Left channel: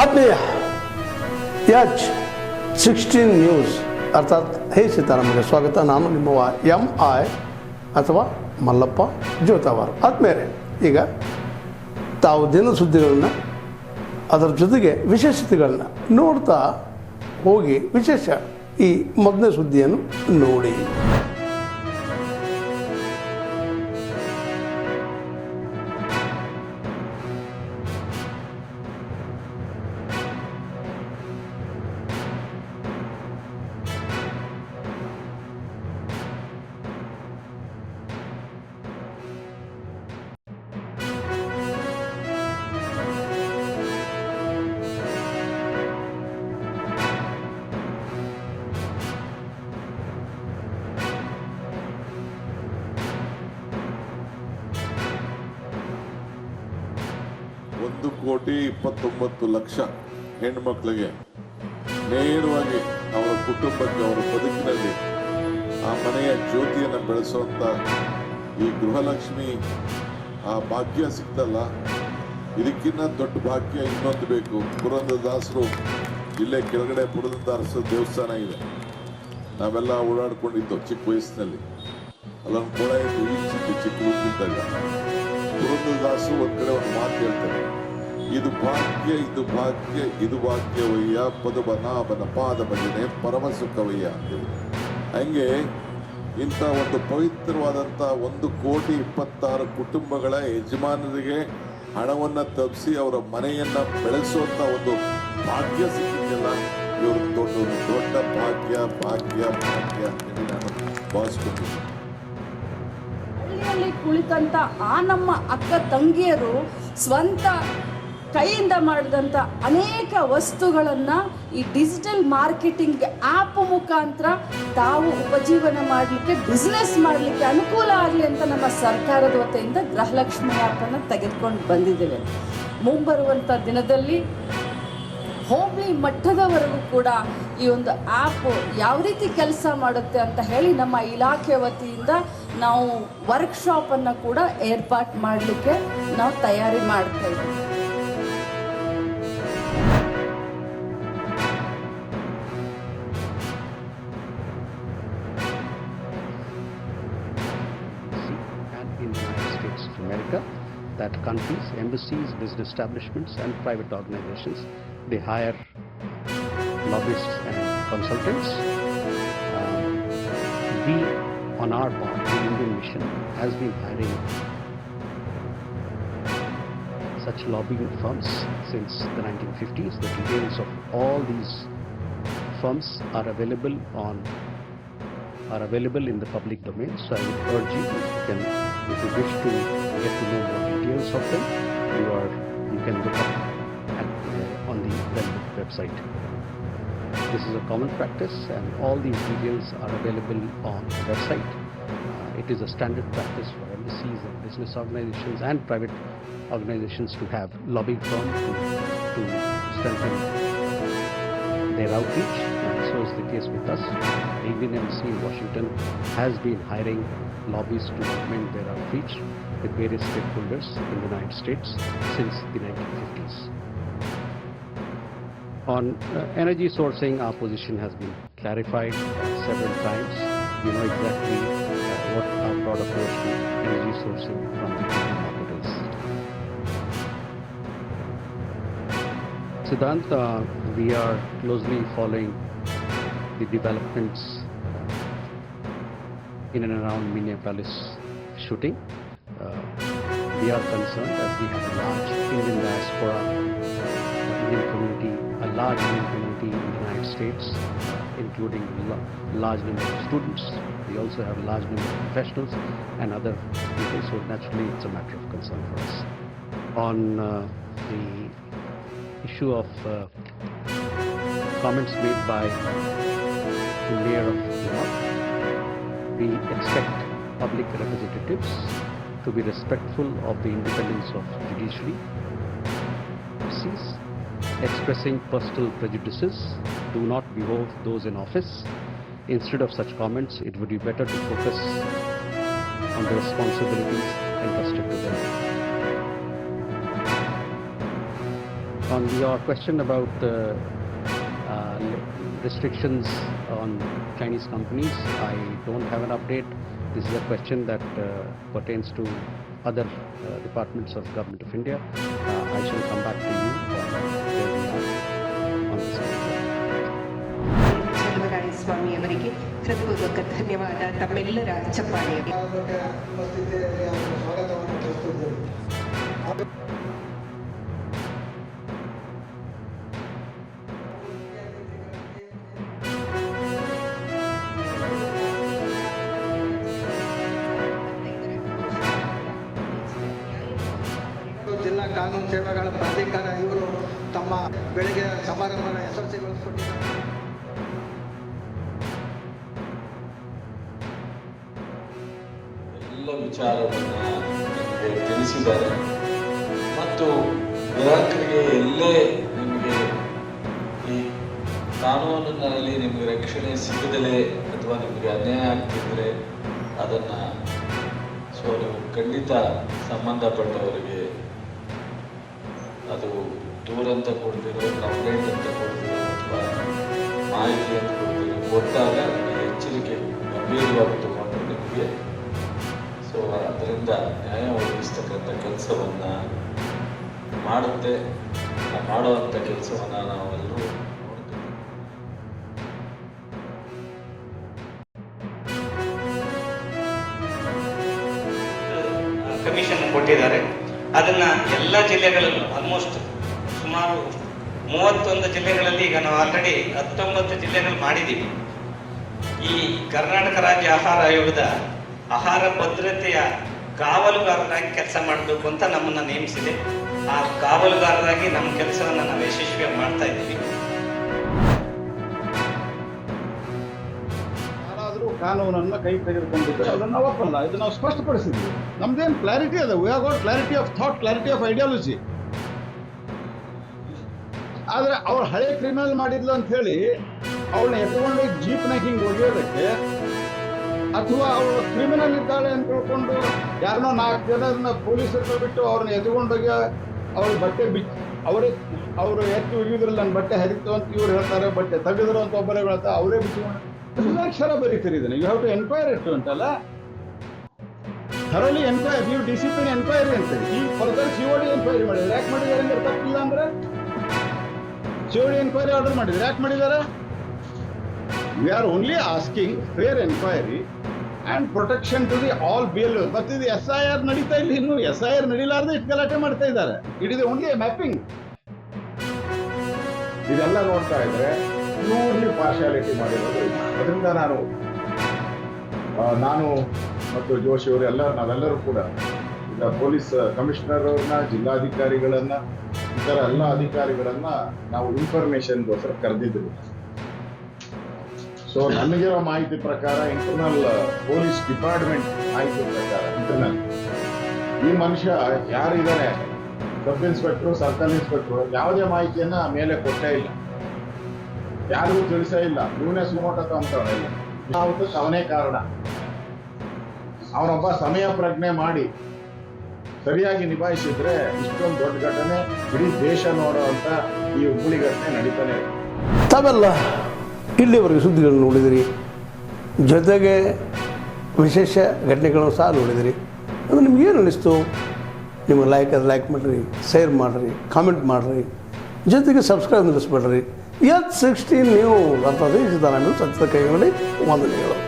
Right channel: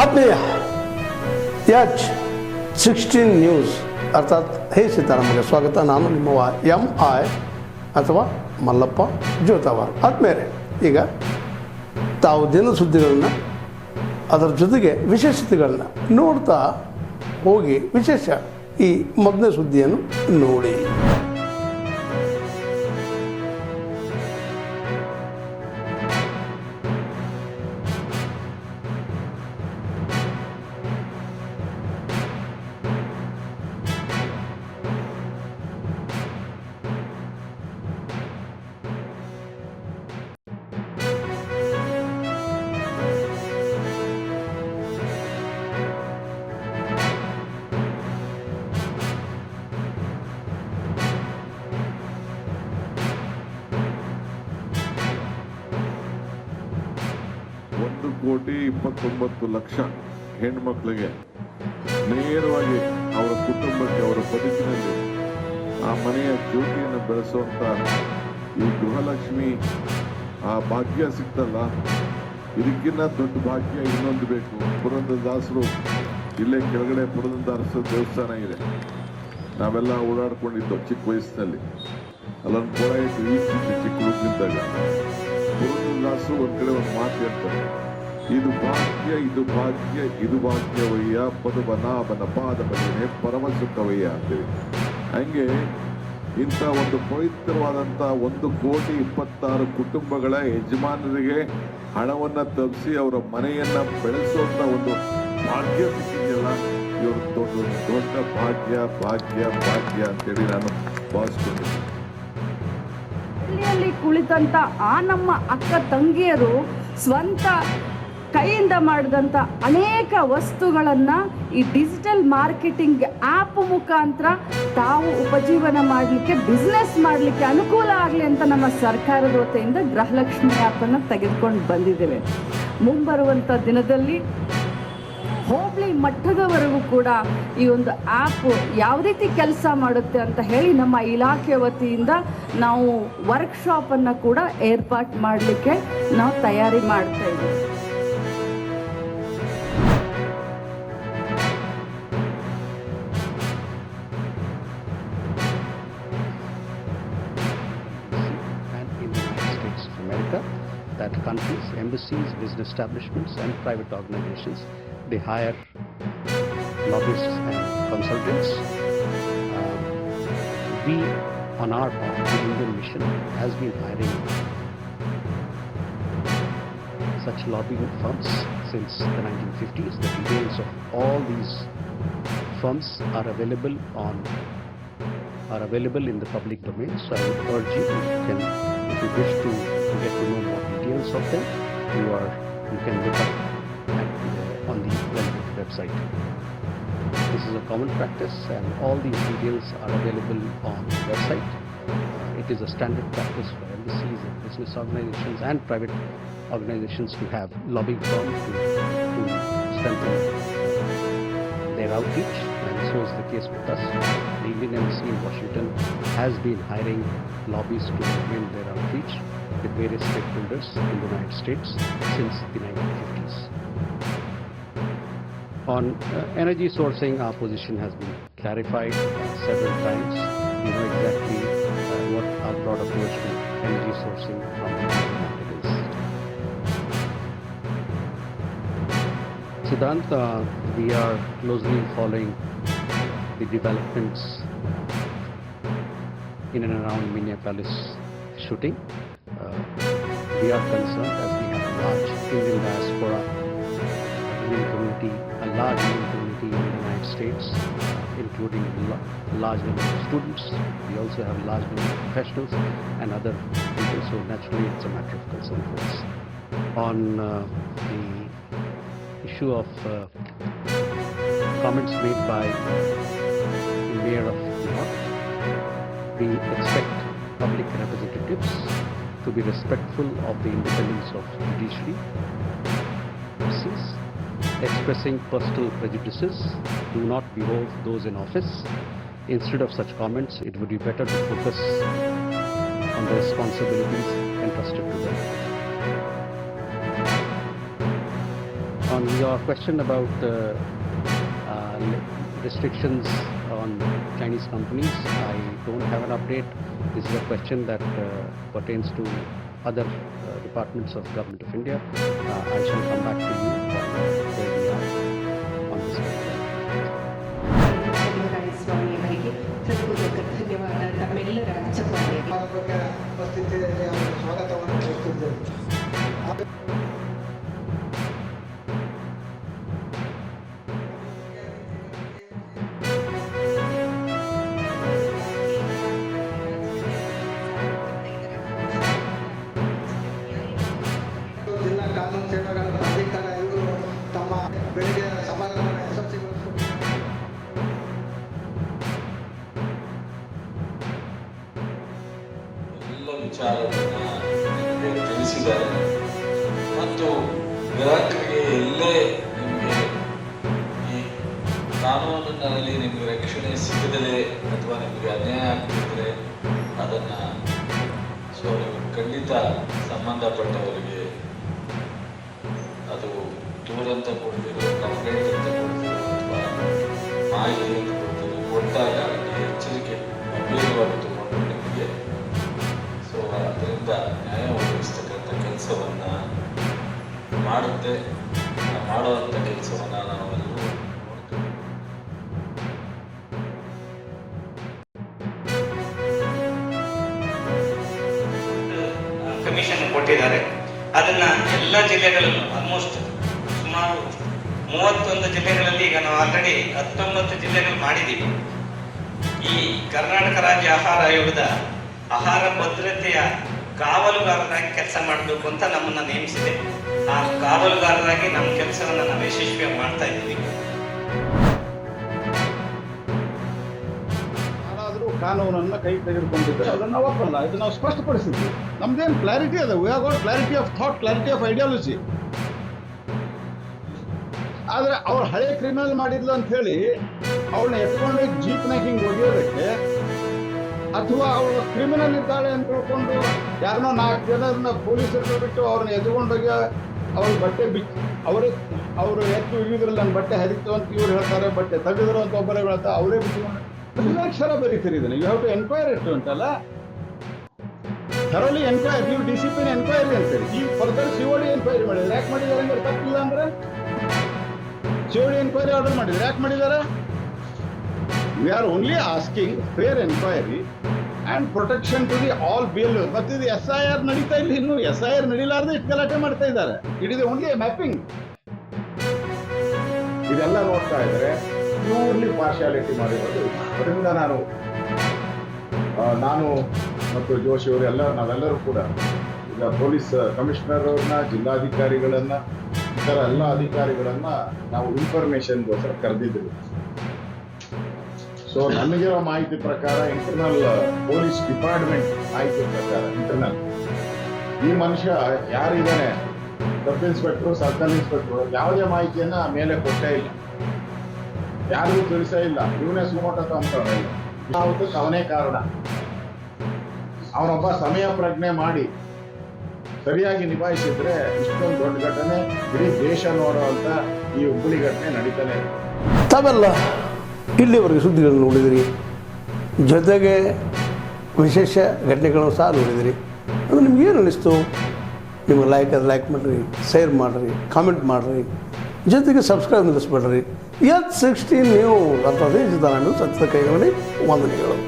ಆತ್ಮೀಯ H16 news ಅರ್ಥಾತ್ ಹೇ ಸೀತಾರಾಮಗೆ ಸ್ವಾಗತ. ನಾನು ನಿಮ್ಮವ MI ಅಥವಾ ಮಲ್ಲಪ್ಪ ಜೋತಾವಾರ್. ಆದ್ಮೇಲೆ ಈಗ ತಾವು ದಿನ ಸುದ್ದಿಗಳನ್ನು ಅದರ ಜೊತೆಗೆ ವಿಶೇಷತೆಗಳನ್ನ ನೋಡ್ತಾ ಹೋಗಿ ವಿಶೇಷ ಈ ಮೊದಲನೇ ಸುದ್ದಿಯನ್ನು ನೋಡಿ. $1,29,00,000 ಹೆಣ್ಮಕ್ಳಿಗೆ ನೇರವಾಗಿ ಅವರ ಕುಟುಂಬಕ್ಕೆ ಅವರ ಬದುಕಿನಲ್ಲಿ ಆ ಮನೆಯ ಜ್ಯೋತಿಯನ್ನು ಬೆಳೆಸುವಂಥ ಈ ಗೃಹಲಕ್ಷ್ಮಿ ಆ ಭಾಗ್ಯ ಸಿಗ್ತಲ್ಲ, ಇದಕ್ಕಿಂತ ದೊಡ್ಡ ಭಾಗ್ಯ ಇನ್ನೊಂದು ಬೇಕು. ಪುರಂದರದಾಸರು ಇಲ್ಲೇ ಕೆಳಗಡೆ ಪುರಂದರದಾಸರ ದೇವಸ್ಥಾನ ಇದೆ, ನಾವೆಲ್ಲ ಓಡಾಡ್ಕೊಂಡಿದ್ದೋ ಚಿಕ್ಕ ವಯಸ್ಸಿನಲ್ಲಿ. ಅಲ್ಲೊಂದು ಕೊಳ ಇತ್ತು, ಈಜಿತ್ತು ಚಿಕ್ಕ ಹುಡುಗಿದ್ದಾಗ. ಪುರಂದರದಾಸರು ಒಂದು ಕಡೆ ಒಂದು ಮಾತು ಹೇಳ್ತಾರೆ, ಇದು ಭಾಗ್ಯ ಇದು ಭಾಗ್ಯ ಇದು ಭಾಗ್ಯವಯ್ಯ ಪದಬನಾಭನ ಪಾದ ಭಜನೆ ಪರಮ ಸುಖವಯ್ಯ ಅಂತೇಳಿ. ಹಂಗೆ ಇಂಥ ಒಂದು ಪವಿತ್ರವಾದಂಥ 1,26,00,000 ಕುಟುಂಬಗಳ ಯಜಮಾನರಿಗೆ ಹಣವನ್ನು ತಪ್ಪಿಸಿ ಅವರ ಮನೆಯನ್ನು ಬೆಳೆಸುವಂಥ ಒಂದು ಭಾಗ್ಯ ಸಿಕ್ಕಿದೆಯಲ್ಲ, ಇವರು ದೊಡ್ಡ ಭಾಗ್ಯ ಭಾಗ್ಯ ಭಾಗ್ಯ ಅಂತೇಳಿ ನಾನು ಭಾವಿಸ್ಕೊಂಡಿದ್ದೀನಿ. ಹಳ್ಳಿಯಲ್ಲಿ ಕುಳಿತಂತ ಆ ನಮ್ಮ ಅಕ್ಕ ತಂಗಿಯರು ಸ್ವಂತ ಕೈಯಿಂದ ಮಾಡಿದಂಥ ಅನೇಕ ವಸ್ತುಗಳನ್ನು ಈ ಡಿಜಿಟಲ್ ಮಾರ್ಕೆಟಿಂಗ್ ಆ್ಯಪ್ ಮುಖಾಂತರ ತಾವು ಉಪಜೀವನ ಮಾಡಲಿಕ್ಕೆ, ಬಿಸ್ನೆಸ್ ಮಾಡಲಿಕ್ಕೆ ಅನುಕೂಲ ಆಗಲಿ ಅಂತ ನಮ್ಮ ಸರ್ಕಾರದ ವತಿಯಿಂದ ಗೃಹಲಕ್ಷ್ಮಿ ಆ್ಯಪನ್ನು ತೆಗೆದುಕೊಂಡು ಬಂದಿದ್ದೇವೆ. ಮುಂಬರುವಂಥ ದಿನದಲ್ಲಿ ಹೋಬಳಿ ಮಟ್ಟದವರೆಗೂ ಕೂಡ ಈ ಒಂದು ಆ್ಯಪ್ ಯಾವ ರೀತಿ ಕೆಲಸ ಮಾಡುತ್ತೆ ಅಂತ ಹೇಳಿ ನಮ್ಮ ಇಲಾಖೆ ವತಿಯಿಂದ ನಾವು ವರ್ಕ್ಶಾಪನ್ನು ಕೂಡ ಏರ್ಪಾಟ್ ಮಾಡಲಿಕ್ಕೆ ನಾವು ತಯಾರಿ ಮಾಡ್ತಾ ಇದ್ದೀವಿ. In the United States of America, that countries, embassies, business establishments and private organizations, they hire lobbyists and consultants. We, on our part, the Indian Mission has been hiring such lobbying firms since the 1950s. The details of all these firms are available in the public domain. So I would urge you, if you wish to get to know more details of them, you can look up on the relevant website. This is a common practice, and all these details are available on the website. It is a standard practice for embassies and business organizations and private organizations to have lobbying firm to strengthen their outreach, and so is the case with us. The Indian Embassy in Washington has been hiring lobbyists to augment their outreach with various stakeholders in the United States since the 1950s. On energy sourcing, our position has been clarified several times. You know exactly what our broad approach to energy sourcing from the global market is. Siddhant, we are closely following the developments in and around Minneapolis shooting. We are concerned as we have a large Indian diaspora, a large Indian community in the United States, including large number of students. We also have large number of professionals and other people, so naturally it's a matter of concern for us. On the issue of comments made by the Mayor of New York, we expect public representatives to be respectful of the independence of judiciary. Expressing personal prejudices do not behoove those in office. Instead of such comments, it would be better to focus on the responsibilities entrusted to them. On your question about restrictions on Chinese companies, I don't have an update. This is a question that pertains to other departments of Government of India. I shall come back to you on where we are on this particular. Cheluvaraya ಸ್ವಾಮಿಯವರಿಗೆ ಹೃದಯಪೂರ್ವಕ ಧನ್ಯವಾದ. ತಮ್ಮೆಲ್ಲರ ಚಪ್ಪಾಳೆ. ಉಪಸ್ಥಿತಿಯಲ್ಲಿ ಅವರಿಗೆ ಸ್ವಾಗತವನ್ನು ಕೋರುತ್ತಿದ್ದೇವೆ. ಜಿಲ್ಲಾ ಕಾನೂನು ಸೇವೆಗಳ ಪ್ರಾಧಿಕಾರ ಇವರು ತಮ್ಮ ಬೆಳಗ್ಗೆ ಸಮಾರಂಭವನ್ನು ಯಶಸ್ವಿಗೊಳಿಸಿಕೊಂಡಿದ್ದಾರೆ. ಎಲ್ಲ ವಿಚಾರವನ್ನು ನಿಮಗೆ ತಿಳಿಸಿದ್ದಾರೆ ಮತ್ತು ಗ್ರಾಹಕರಿಗೆ ಎಲ್ಲೇ ನಿಮಗೆ ಈ ಕಾನೂನಿನಲ್ಲಿ ನಿಮಗೆ ರಕ್ಷಣೆ ಸಿಗದಲೇ ಅಥವಾ ನಿಮಗೆ ಅನ್ಯಾಯ ಆಗ್ತಿದ್ರೆ ಅದನ್ನು ನೀವು ಖಂಡಿತ ಸಂಬಂಧಪಟ್ಟವರಿಗೆ ಅದು ದೂರ ಅಂತ ಕೊಡ್ತಿರೋ, ಕಂಪ್ಲೇಂಟ್ ಅಂತ ಕೊಡ್ತಿರೋ ಅಥವಾ ಮಾಹಿತಿ ಅಂತ ಕೊಡ್ತಿರೋ ಕೊಟ್ಟಾಗ ಅದನ್ನು ಎಚ್ಚರಿಕೆ ಗಂಭೀರವಾಗಿ ತಗೊಂಡು ನಿಮಗೆ ಅದರಿಂದ ನ್ಯಾಯ ಒದಗಿಸ್ತಕ್ಕಂಥ ಕೆಲಸವನ್ನು ಮಾಡುತ್ತೆ. ಮಾಡುವಂಥ ಕೆಲಸವನ್ನು ನಾವೆಲ್ಲರೂ ನೋಡ್ತೀವಿ. ಕಮಿಷನ್ ಕೊಟ್ಟಿದ್ದಾರೆ. ಅದನ್ನ ಎಲ್ಲ ಜಿಲ್ಲೆಗಳಲ್ಲೂ ಆಲ್ಮೋಸ್ಟ್ ಸುಮಾರು 31 ಜಿಲ್ಲೆಗಳಲ್ಲಿ ಈಗ ನಾವು ಆಲ್ರೆಡಿ 19 ಜಿಲ್ಲೆಗಳು ಮಾಡಿದ್ದೀವಿ. ಈ ಕರ್ನಾಟಕ ರಾಜ್ಯ ಆಹಾರ ಆಯೋಗದ ಆಹಾರ ಭದ್ರತೆಯ ಕಾವಲುಗಾರರಾಗಿ ಕೆಲಸ ಮಾಡಬೇಕು ಅಂತ ನಮ್ಮನ್ನ ನೇಮಿಸಿದೆ. ಆ ಕಾವಲುಗಾರರಾಗಿ ನಮ್ಮ ಕೆಲಸವನ್ನು ನಾವು ಯಶಸ್ವಿಯಾಗಿ ಮಾಡ್ತಾ ಇದ್ದೀವಿ. ಯಾರಾದರೂ ಕಾನೂನನ್ನು ಕೈ ತೆಗೆದುಕೊಂಡಿದ್ದರೆ ಅದನ್ನು ನಾವು ಒಪ್ಪಲ್ಲ. ಇದು ನಾವು ಸ್ಪಷ್ಟಪಡಿಸಿದ್ವಿ. ನಮ್ದೇನು ಕ್ಲಾರಿಟಿ ಅದ. We have got clarity of thought, clarity of ideology. ಆದರೆ ಅವಳು ಹಳೆ ಕ್ರಿಮಿನಲ್ ಮಾಡಿದ್ಲು ಅಂತ ಹೇಳಿ ಅವಳನ್ನ ಎತ್ಕೊಂಡು ಜೀಪ್ನಾಗ ಹಿಂಗೆ ಒಗೆಯೋದಕ್ಕೆ, ಅಥವಾ ಅವಳು ಕ್ರಿಮಿನಲ್ ಇದ್ದಾಳೆ ಅಂತ ತಿಳ್ಕೊಂಡು ಯಾರನ್ನೋ 4 ಜನರನ್ನ ಪೊಲೀಸರು ಬಿಟ್ಟು ಅವ್ರನ್ನ ಎತ್ಕೊಂಡೋಗಿ ಅವ್ರ ಬಟ್ಟೆ ಅವರು ಎತ್ತಿ ಒಗೆಯೋದ್ರಲ್ಲಿ ನನ್ನ ಬಟ್ಟೆ ಹರಿತು ಅಂತ ಇವ್ರು ಹೇಳ್ತಾರೆ, ಬಟ್ಟೆ ತೆಗೆದ್ರು ಅಂತ ಒಬ್ಬರೇ ಹೇಳ್ತಾರೆ, ಅವರೇ ಬಿಟ್ಟುಕೊಂಡು ಅಕ್ಷರ ಬರೀತೀರಿ ಇದನ್ನು. ಯು ಹ್ಯಾವ್ ಟು ಎನ್ಕ್ವೈರ್ ಇಟ್ಟು ಅಂತಲ್ಲ, ಥರೋಲಿ ಎನ್ಕ್ವೈರಿ. ನೀವು ಡಿಸಿಪ್ಲಿನ್ ಎನ್ಕ್ವೈರಿ ಅಂತೀರಿ. ಈ ಫರ್ದರ್ COD ಎನ್ಕ್ವೈರಿ ಮಾಡಿದ್ರೆ ಯಾಕೆ ಮಾಡಿದ್ದಾರೆ ಅಂದ್ರೆ ತಪ್ಪಿಲ್ಲ ಅಂದ್ರೆ COD ಎನ್ಕ್ವೈರಿ ಆರ್ಡರ್ ಮಾಡಿದ್ರೆ ಯಾಕೆ ಮಾಡಿದ್ದಾರೆ? We are only asking fair enquiry and protection to the all BLO. ಮತ್ತು ಇದು SIR ನಡೀತಾ ಇಲ್ಲ. ಇನ್ನು SIR ನಡೀಲಾರ್ದೆ ಇಷ್ಟು ಗಲಾಟೆ ಮಾಡ್ತಾ ಇದ್ದಾರೆ. It is only mapping. ಇದೆಲ್ಲ ನೋಡ್ತಾ ಇದ್ರೆ ಪ್ಯೂರ್ಲಿ ಪಾರ್ಶಿಯಾಲಿಟಿ ಮಾಡಿರೋದು. ಅದರಿಂದ ನಾನು ಮತ್ತು ಜೋಶಿ ಅವರು ನಾವೆಲ್ಲರೂ ಕೂಡ ಈಗ ಪೊಲೀಸ್ ಕಮಿಷನರ್ ಅವ್ರನ್ನ, ಜಿಲ್ಲಾಧಿಕಾರಿಗಳನ್ನ, ಇತರ ಎಲ್ಲ ಅಧಿಕಾರಿಗಳನ್ನ ನಾವು ಇನ್ಫಾರ್ಮೇಶನ್ಗೋಸ್ಕರ ಕರೆದಿದ್ವಿ. ಸೊ ನಮಗಿರೋ ಮಾಹಿತಿ ಪ್ರಕಾರ, ಇಂಟರ್ನಲ್ ಪೊಲೀಸ್ ಡಿಪಾರ್ಟ್ಮೆಂಟ್ ಮಾಹಿತಿ ಪ್ರಕಾರ, ಇಂಟರ್ನಲ್ ಈ ಮನುಷ್ಯ ಯಾರಿದ್ದಾನೆ, ಸಬ್ ಇನ್ಸ್ಪೆಕ್ಟ್ರು, ಸರ್ಕಲ್ ಇನ್ಸ್ಪೆಕ್ಟ್ರು, ಯಾವುದೇ ಮಾಹಿತಿಯನ್ನ ಮೇಲೆ ಕೊಟ್ಟೇ ಇಲ್ಲ, ಯಾರಿಗೂ ತಿಳಿಸೇ ಇಲ್ಲ. ಇವನೇ ಸುಮೋಟ ಅಂತಾನೆ ಇಲ್ಲ. ಅವನೇ ಕಾರಣ. ಅವನೊಬ್ಬ ಸಮಯ ಪ್ರಜ್ಞೆ ಮಾಡಿ ಸರಿಯಾಗಿ ನಿಭಾಯಿಸಿದ್ರೆ ಇಷ್ಟೊಂದು ದೊಡ್ಡ ಘಟನೆ ಇಡೀ ದೇಶ ನೋಡುವಂತ ಈ ಹುಬ್ಬಳ್ಳಿ ಘಟನೆ ನಡೀತಾನೆ ಇರುತ್ತೆ. ತಾವೆಲ್ಲ ಇಲ್ಲಿವರೆಗೆ ಸುದ್ದಿಗಳನ್ನು ನೋಡಿದಿರಿ, ಜೊತೆಗೆ ವಿಶೇಷ ಘಟನೆಗಳನ್ನು ಸಹ ನೋಡಿದಿರಿ. ಅದು ನಿಮ್ಗೇನು ಅನ್ನಿಸ್ತು? ನಿಮಗೆ ಲೈಕ್ ಮಾಡಿರಿ, ಶೇರ್ ಮಾಡಿರಿ, ಕಾಮೆಂಟ್ ಮಾಡಿರಿ, ಜೊತೆಗೆ ಸಬ್ಸ್ಕ್ರೈಬ್ ನಿಲ್ಲಿಸ್ಬೇಡ್ರಿ. H16 ನ್ಯೂಸ್ ಅರ್ಥಾತ್ ಸತ್ಯದ ಕೈಗನ್ನಡಿ ವಂದನೆಗಳು.